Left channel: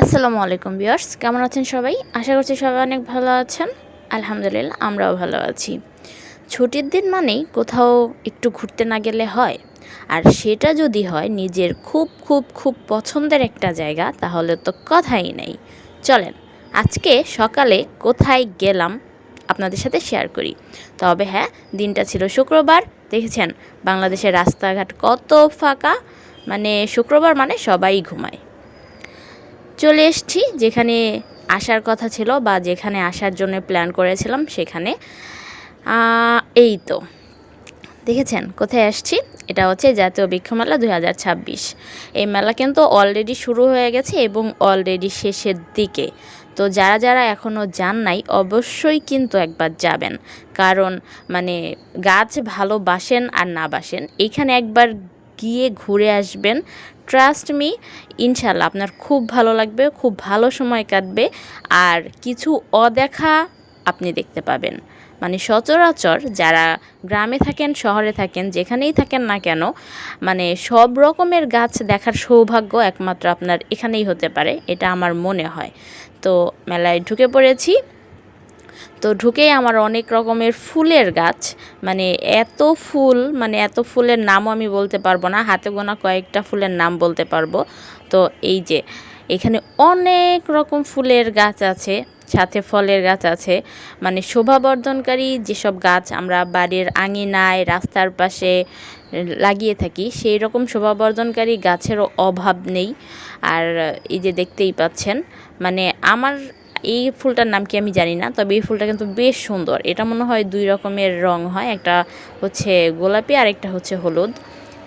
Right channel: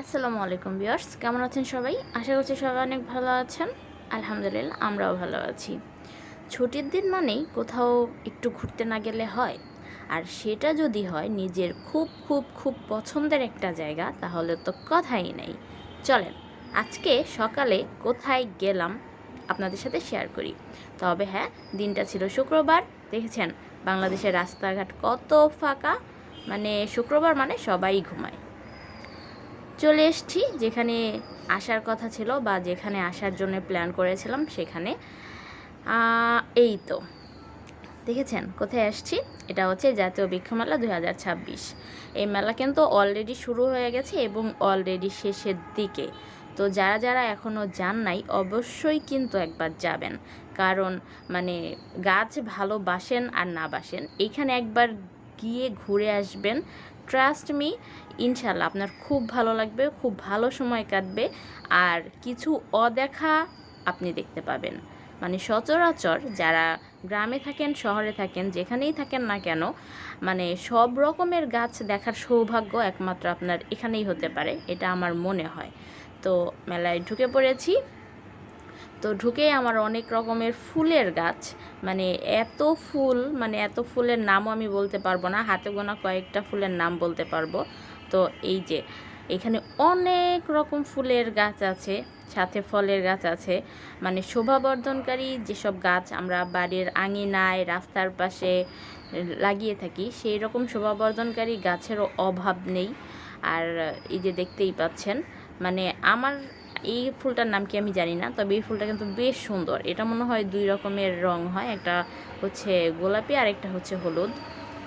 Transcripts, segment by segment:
আসসালামু আলাইকুম ভিউয়ার্স, কেমন আছেন সবাই? আশা করছি সবাই অনেক ভালো আছেন। আলহামদুলিল্লাহ আমরাও ভালো আছি। ছুটির দিন মানেই কোথাও একটু ঘুরতে না গেলে হয়? আর সেটা যদি হয় নিজের খুব খুব খুব পছন্দের একটা জায়গা, তাহলে তো কথাই নেই। চলেন আজকে সকালে কোথায় গেলাম আপনাদের সাথে শেয়ার করি। তবে হ্যাঁ, দিনটা ছিল শুক্রবার। দেখেছেন বাংলাদেশের রাস্তাঘাট কত ফাঁকা, মানে শুক্রবার মানে সবাই ঘুমায়। চলে এসেছি যেখানে আসার কথা ছিল বা যেখানে আসার জন্য প্ল্যান করেছিলাম সেখানে। এই তো দেখেছেন কোথায় আসছি। এটা হচ্ছে জাতীয় বৃক্ষ মেলা 2026। এই মেলা কিন্তু অলরেডি শুরু হয়ে গেছে এবং অলরেডি শেষের দিকে। তো যারা যারা এখনও যান নাই অবশ্যই কিন্তু একবার যাবেন, কারণ মানে গাছ ভালোবাসেন আর না বাসেন এইখানে একবার গিয়ে ঘুরে আসবেন। ট্রাস্ট মি, ইনশাল্লাহ আপনার খুব ভালো লাগবে, খুব ভালো সময় কাটবে। আর কিছু অদেখা আপনি দেখতে পাবেন। মানে সচরাচর যারা গ্রামে থাকেন, শহরে থাকেন, যেখানেই থাকেন না কেন, মানে সব রকমের গাছ দেখার সৌভাগ্য একমাত্র আপনার এখানেই হতে পারে, এটা আমার মনে হয়। তো মেলায় ঢুকে পড়েছি। তো ঢুকেই আমার অনেক রকমের ফুলের গাছ, মানে এত ফুল, মানে এত ফুলের নামও আমি বলতে পারবো না, হাতে গোনা কয়েকটা ফুলের নাম বলতে পারবো। তো এই যে এখানে অনেক রকম ফুলের গাছ আছে, সাথে ফলের গাছ আছে। মানে শোভাবর্ধনকারী যেসব গাছ আমরা বাড়ির আঙিনায় রাস্তার পাশে লাগিয়ে থাকি, সেই রকম শোভাবর্ধনকারী গাছেরও অভাব নেই। আর এই যে দেখতেই পাচ্ছেন, মানে আমার এই ফুলটার নাম কি আমি জানি না, তবে এই ফুলটা কিন্তু বেশ সুন্দর। এটা মনে হয় দুই রকমের রং হয়, একটা হচ্ছে গোলাপি আর একটা হচ্ছে হলুদ।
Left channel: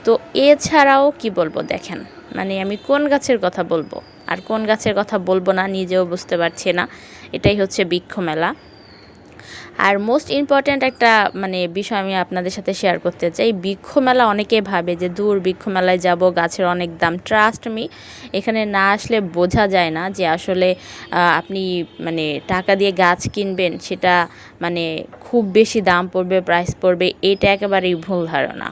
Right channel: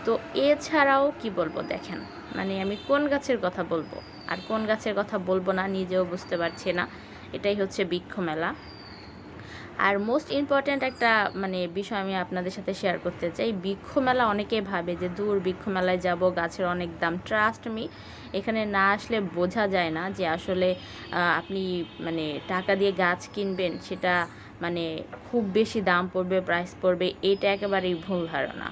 তো এছাড়াও কি বলবো দেখেন, মানে আমি কোন গাছের কথা বলবো আর কোন গাছের কথা বলবো না নিজেও বুঝতে পারছি না। এটাই হচ্ছে বৃক্ষ মেলা। আর মোস্ট ইম্পর্ট্যান্ট একটা মানে বিষয় আমি আপনাদের সাথে শেয়ার করতে চাই। বৃক্ষ মেলা অনেকে ভাবে যে দূর বৃক্ষ মেলায় যাব, গাছের অনেক দাম। ট্রাস্ট মি, এখানে না আসলে বোঝা যায় না যে আসলে আপনি মানে টাকা দিয়ে গাছ কিনবেন, সেটা মানে খুব বেশি দাম পড়বে, প্রাইস পড়বে, এটা একেবারেই ভুল ধারণা।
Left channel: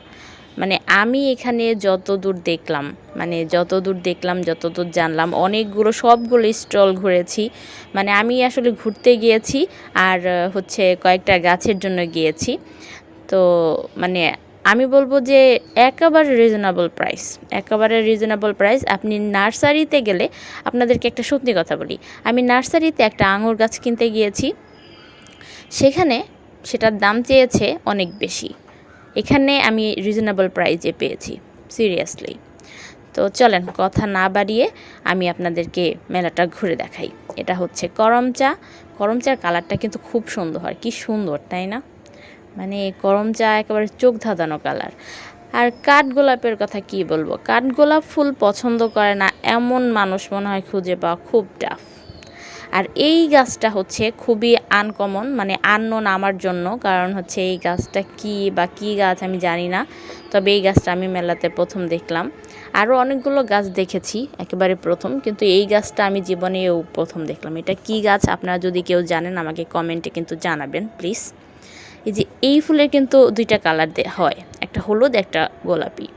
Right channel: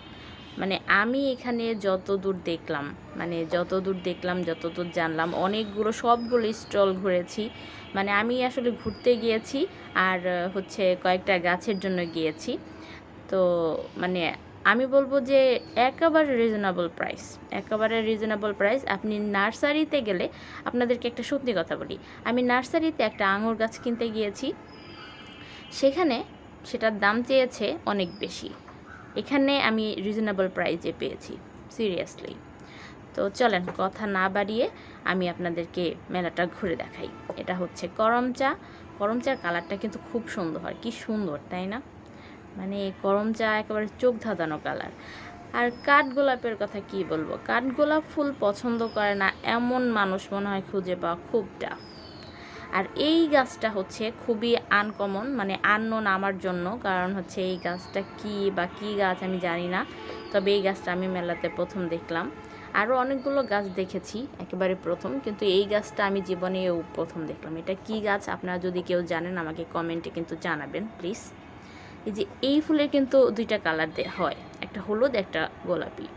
মানে আমি এখানে যতদূর দেখলাম, মানে যতদূর দেখলাম, যতদূর জানলাম, অনেকগুলো সবগুলো স্টল ঘুরেছি। মানে আমি আসলে ঘুরতে গিয়েছি আর হচ্ছে কয়েকটা গাছের জন্য গিয়েছি। তো মানে আমি বলবো যে একেবারে রিজনেবল প্রাইস, একেবারে রিজনেবল প্রাইস। আপনি নার্সারিতে গেলে, আপনাদেরকে একটা সত্যি কথা বলি, আমি নার্সারিতে একটা আঙুর গাছ কিনতে গিয়েছি, সেখানে সেটার দাম চেয়েছে অনেক বেশি, এখানে আমি রিজনেবল প্রাইজে পেয়েছি, সিরিয়াসলি। তো চলেন কথা না বাড়িয়ে আমি আপনাদেরকে মেলাটা ঘুরে দেখাই। এটা হচ্ছে করমচা। করমচার কালারটা কিন্তু খুব সুন্দর হয়, কি সুন্দর তাই না? মানে করমচা একেবারে চোখ ধাঁধানো কালার। আর কাঠগোলাপের কথা কি বলবো, কাঠগোলাপ ফুল পছন্দ করে না এমন মানুষ মনে হয় খুঁজে পাওয়া খুব টাফ। আর এই গাছটা হচ্ছে খুবই আনকমন, মানে আননোন আমার জন্য, কারণ হচ্ছে এই গাছটা কি বা কী গাছ আমি জানি না। তবে এই গাছটা আমি মেলাতে প্রথম দেখলাম। আরও অনেকগুলো গাছ দেখেছি একেবারে প্রথম, কিন্তু এই গাছটা আমি জীবনেও প্রথম দেখলাম। এটা কি গাছ আপনারা যদি কেউ জানেন আমাকে কমেন্টে কিন্তু জানাবেন প্লিজ। এই যে এই ফুলের কিন্তু দুইটা কালার হয়, একটা হলুদ একটা গোলাপি।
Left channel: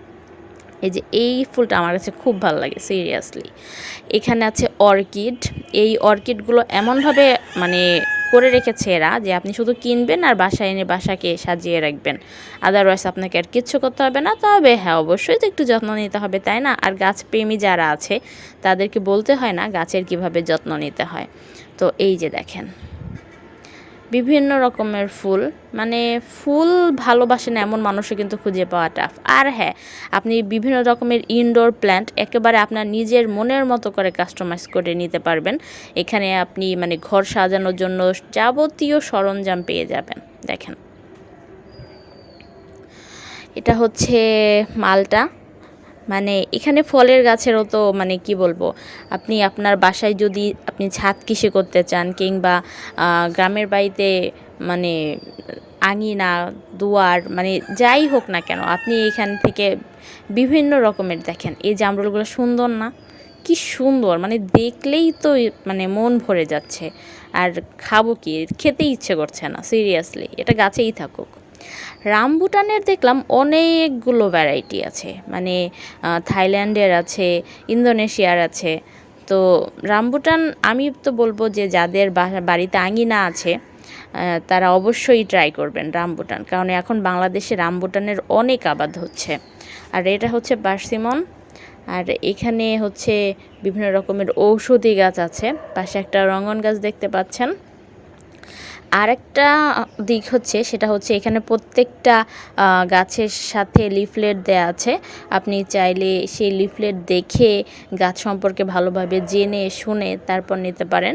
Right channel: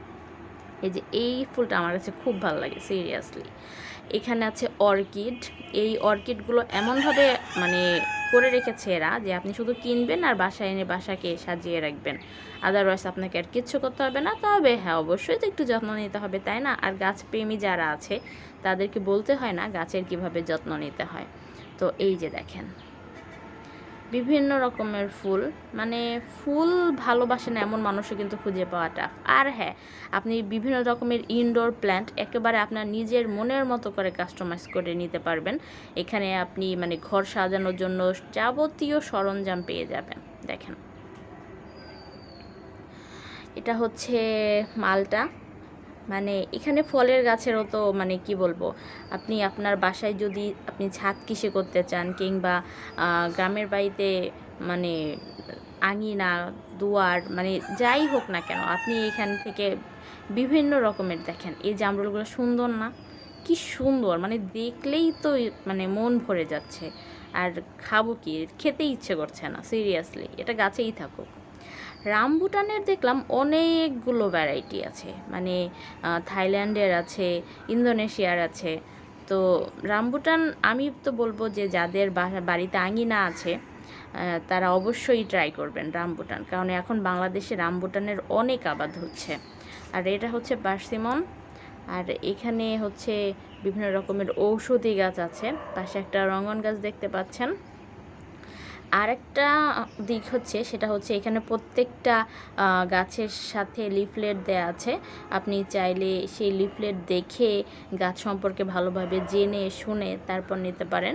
এই যে এই ফুলটা আমার কাছে খুব ভালো লাগে সিরিয়াসলি। এখানে আছে অর্কিড। এই অর্কিডগুলো এমনভাবে মানে করে রেখেছে এরা যে আপনি শুধু কিনবেন আর বাসায় এনে বাসাকে সাজিয়ে রাখবেন, আদারওয়াইজ আপনাকে আর কিচ্ছু করতে হবে না। তবে হ্যাঁ, অবশ্যই তো একটু যত্ন নিতে হবে তাই না? আর গাছপ্রেমী যারা আছে তাদেরকে বলতে হয় না গাছের কিভাবে যত্ন নিতে হয়। তো এই যে দেখেন বিভিন্ন রকমের ফুল, মানে ফুল ভালোবাসেন এমন মানুষও কিন্তু খুঁজে পাওয়া টাফ। আর হ্যাঁ, আপনি বিভিন্ন রকমের ইনডোর প্ল্যান্ট একেবারে আপনার নিজের মনের মতো করে কাস্টমাইজ করে নিতে পারবেন। এখানে আপনি মানে ঘর সাজানোর জন্য যাবতীয় সরঞ্জাম পেয়ে যাবেন। দেখেন এটা হচ্ছে মালটা। মানে এখানে ফলের গাছেরও তো মানে কি বলবো, আপনি আপনার বাসায় যদি আপনি ছাদ কৃষি করতে চান, কিংবা গ্রামের বাড়িতে মানে আঙিনা, দুয়ার, মানে যাই হোক না কেন, আপনি এখান থেকে বিভিন্ন রকমের দেখেন। এই জামরুলগুলো সুন্দর না? কি সুন্দর, মানে দেখলেই তো মানে মন ভরে যাচ্ছে। আর খাবো কি, খেতে ইচ্ছে করছে না সিরিয়াসলি, এটা গাছেই থাকুক। রামবুটানের দেখলাম অনেকগুলো ভ্যারাইটি আছে, মানে থাইল্যান্ডের আছে, ইন্দোনেশিয়ার আছে। তো রামবুটান আমি তো বলবো যে যাদের বাড়িতে আঙিনা আছে তারা অবশ্যই ট্রাই করবেন রামবুটান, কারণ এখন বাংলাদেশে রামবুটানের অনেক আবাদ হচ্ছে। আর এটা হচ্ছে পার্সিমন। আর এখানে হচ্ছে বিভিন্ন রকমের ঔষধি গাছ আছে, পাশে একটা রঙ্গন গাছ দেখতে পাচ্ছেন। আরেকটা দিক হচ্ছে সেটা হচ্ছে এখানে প্রত্যেকটা গাছের সাথে লিফলেট দেয়া আছে। আপনি চাইলে সেই লিফলেট দেখে গাছ সম্পর্কে ভালোভাবে জেনে শুনে তারপর নিতে পারেন।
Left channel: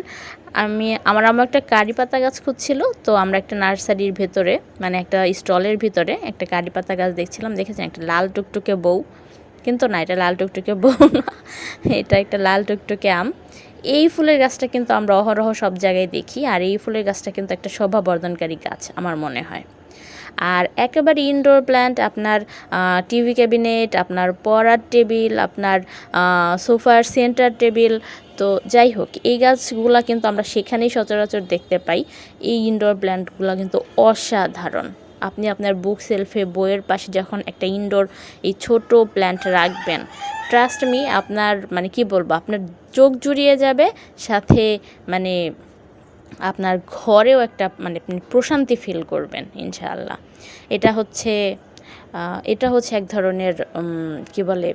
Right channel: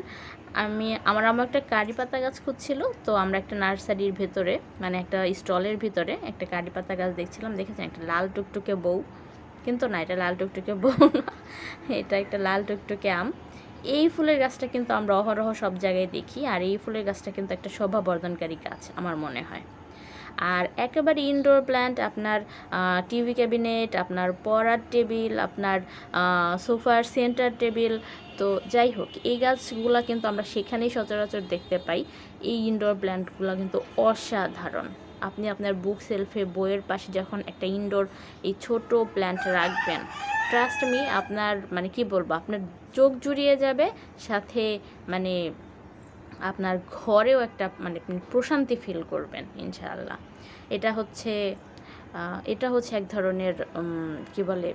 আমার একটা কারি পাতা গাছ খুঁজছিল, তো আমরা একটা নার্সারির ভেতরে মানে একটা স্টলের ভিতরে একটা কারি পাতা গাছ দেখছিলাম, দেখেছেন একটা লাল টুকটুকে বউ, কিন্তু না এটা লাল টুকটুকে বউ না, এটা একটা লাল টুকটুকে আম। এই ফুলের গাছটা কিন্তু আমরা অহরহ সব জায়গায় দেখি, আর এই ফুলের গাছটা কিন্তু একটা শোভাবর্ধনকারী গাছ আমার মনে হয়। আর একেবারে ইনডোর প্ল্যান্ট, আপনার টিভি ক্যাবিনেট, আপনার পড়ার টেবিল, আপনার সোফার সেন্টার টেবিল, তো যাই হোক এই গাছগুলো কিন্তু আমরা সেখানেই সচরাচর দেখতে পাই। এই ইনডোর প্ল্যান্টগুলো কিন্তু অসাধারণ। আপনি আপনার বুক সেলফে বইয়ের পাশে যখন একটা ইনডোর এই ছোট প্ল্যান্ট রাখবেন, ট্রাস্ট মি আপনার মানে কি বলবো, আপনার চোখ জুড়িয়ে যাবে, সাথে মানে আপনার ঘরেও একটা মানে প্রশান্তি ফিল করবেন ইনশাআল্লাহ। এটা হচ্ছে এক ধরনের কি বলে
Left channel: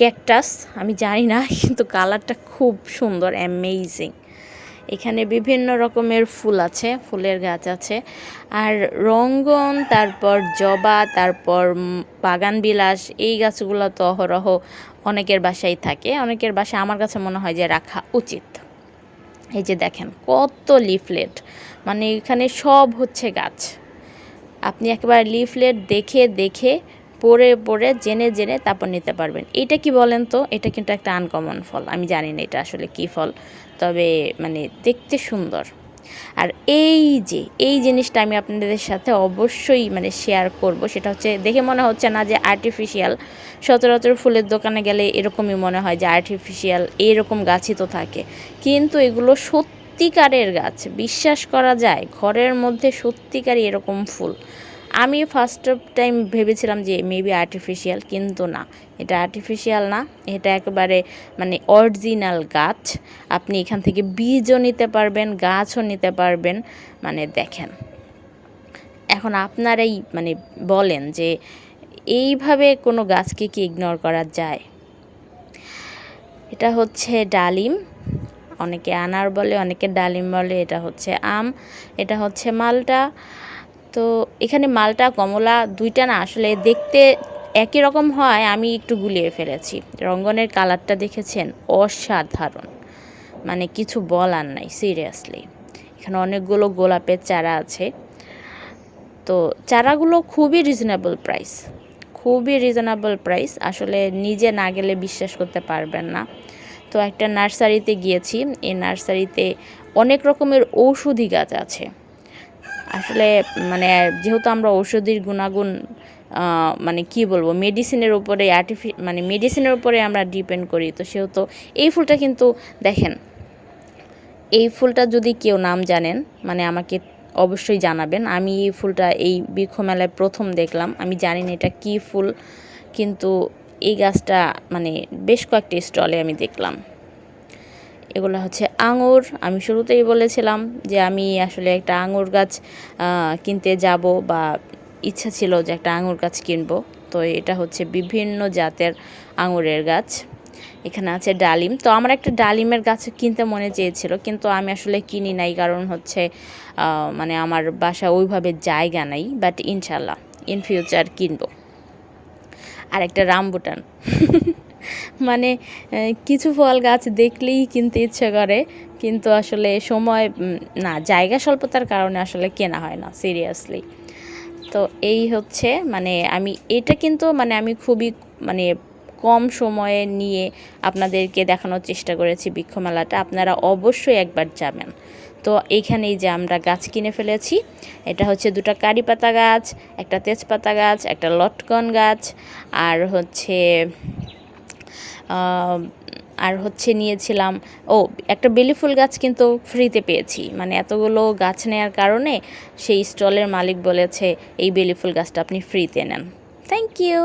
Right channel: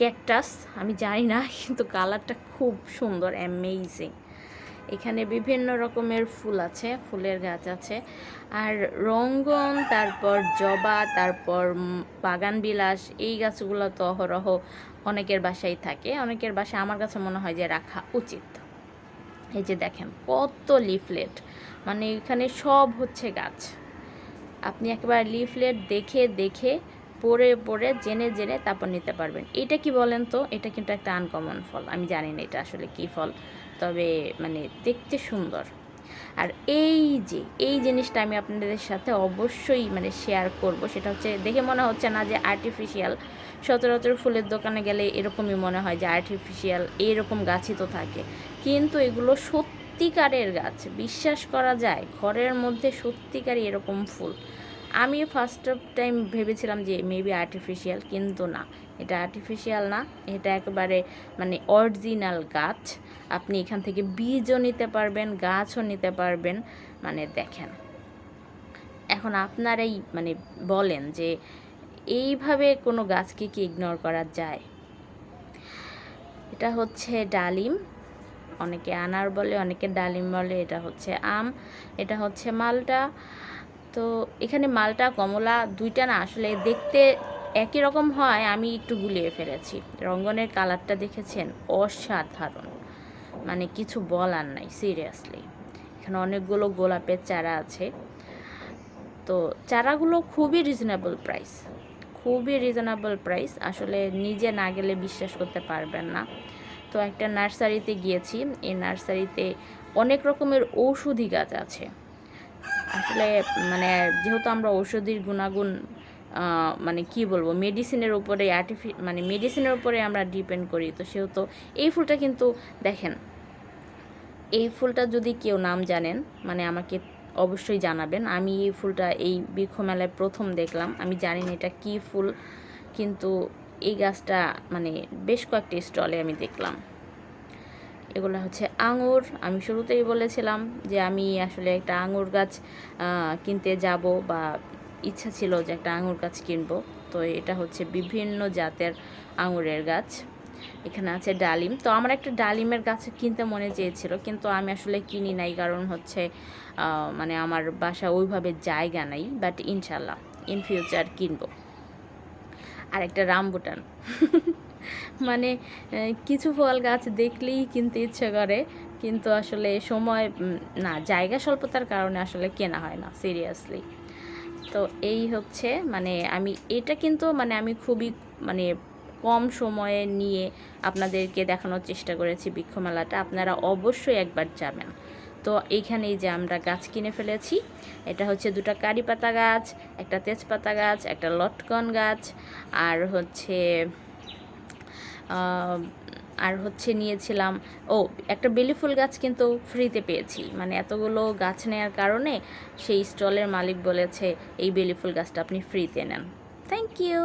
ক্যাকটাস, আমি জানি না, কিন্তু কালারটা খুব সুন্দর, অ্যামেজিং। এখানে বিভিন্ন রকমের ফুল আছে, ফুলের গাছ আছে। আর রঙ্গন, তারপর জবা, তারপর বাগান বিলাস, এই গাছগুলো তো অহরহ অনেকের বাসায় থাকে, অনেকের বাসায় আমার কাছে মনে হয় যে রাখা উচিত। এই যে দেখেন কত লিফলেট, মানে এখানে সব হচ্ছে গাছ। আপনি একেবারে লিফলেট দেখে দেখে পড়ে পড়ে জেনে জেনে তারপর নিতে পারবেন। এটা কি বলেন তো, এটা কিন্তু একটা আনকমন ফল, আমি জানি না এটা আসলে কী ফল, তবে মানে দেখতে সুন্দর। আর এই জিনিসটা আমি আপনাদের সাথে অবশ্যই মানে শেয়ার করব, সেটা হচ্ছে দেখে মনে হচ্ছে না যে আর্টিফিশিয়াল। সচরাচর ফুলের দোকানে গেলে এরকমই মনে হয় যে আর্টিফিশিয়াল, এইরকম গাছই তো থাকে, কিন্তু এগুলো সত্যিকারের গাছ, বিশ্বাস করা যায় ঘরের মধ্যে সত্যিকারই এরকম ফুল। আমি ফার্স্ট টাইম ভেবেছিলাম যে মেবি আর্টিফিশিয়াল, কিন্তু না, এটা আর্টিফিশিয়াল না, এটা একেবারে মানে অরিজিনাল গাছ। আপনি এখান থেকে বীজও নিতে পারবেন, গাছও নিতে পারবেন। মানে দেখেন, এখন আপনারাই মানে বলেন যে এইভাবে কোনো গাছকে কি ইগনোর করা যায়? এটা হচ্ছে ডালিম, অনেকে আনার বলে, অনেকে ডালিম বলে। এটা হচ্ছে আম, এটা হচ্ছে মালটা। তো এখানে মালটা কমলা দুইটা না আসলে দেখতে একই রকম হয়, আমি একটু গুলিয়ে ফেলেছি। রঙ্গনের কালারটা দেখেছেন, অসাধারণ, মানে কিছু বলার নাই সিরিয়াসলি। এখানে অনেকগুলো গোলাপের চারা আছে, তো চারাগুলো খুবই রিজনেবল প্রাইস, আসলে নিজে না গেলে বিশ্বাস করতে পারবেন না। তো একটা নার্সারিতে গিয়েছি, এই নার্সারিতে অনেক রকমের ঔষধি গাছ আছে। আসলে মানে যেহেতু আমরা ঔষধির গুণাগুণ মানে কি বলবো মেডিসিনের উপরে মেডিসিনের উপরে আমরা ডিপেন্ড করি, তো সেহেতু এই ফুলটা কিন্তু দেখেন, এই ফুলটা যদি কেউ নাম জানেন মানে আমাকে অবশ্যই জানাবেন। আমি এই ফুলটা এই বৃক্ষ মেলায় প্রথম দেখলাম, আমি জানি না এটা কী ফুল, কিন্তু এই গাছটা মানে বেশ কয়েকটি স্টলে আমি দেখলাম। এগুলো হচ্ছে আঙুর। আমি শুরুতেই বলেছিলাম যে আমি আসলে একটা আঙুর গাছ কিনতে যাব, বা ইচ্ছা ছিল যে একটা আঙুর গাছ কিনবো। তো এটা হচ্ছে বিভিন্ন জাতের আঙুরের গাছ। এখানে আছে ডালিম, তো আমার একটা ডালিমের গাছ কিনতে মনে চেয়েছিল, কিন্তু আমি আসলে কিনি নাই, কারণ হচ্ছে মানে আমার বাসা ওইভাবে জায়গা নাই, বাট ইনশাল্লাহ ইন ফিউচার কিনবো। আর একটা রামবুটান মানে কিছু ফল গাছ দেখলেই কিনতে ইচ্ছে করে, কিন্তু আসলে সময় না, জায়গা স্বল্পতার কারণে আসলে কেনা হয় না সিরিয়াসলি। তো এই হচ্ছে মানে এটা কিন্তু মানে আমি খুবই মানে কম সময়ে নিয়ে আপনাদেরকে দেখানোর চেষ্টা করেছি বৃক্ষ মেলাটা, আপনারা অবশ্যই একবার যাবেন। তো এইখানেই যে আমরা গাছ কিনে ফেলেছি, এটা হচ্ছে দুটো কারি পাতা গাছ, একটা তেজপাতা গাছ, একটা লটকন গাছ, আর হচ্ছে নিয়েছিলাম একটা বেলি ফুল গাছ কিন্তু ফ্রিতে পেয়েছি। মানে এতগুলো গাছ নেওয়ার কারণে সেই স্টলের মালিক বলেছে এই বেলি ফুল গাছটা আপনি ফ্রিতে নেন। Thank you.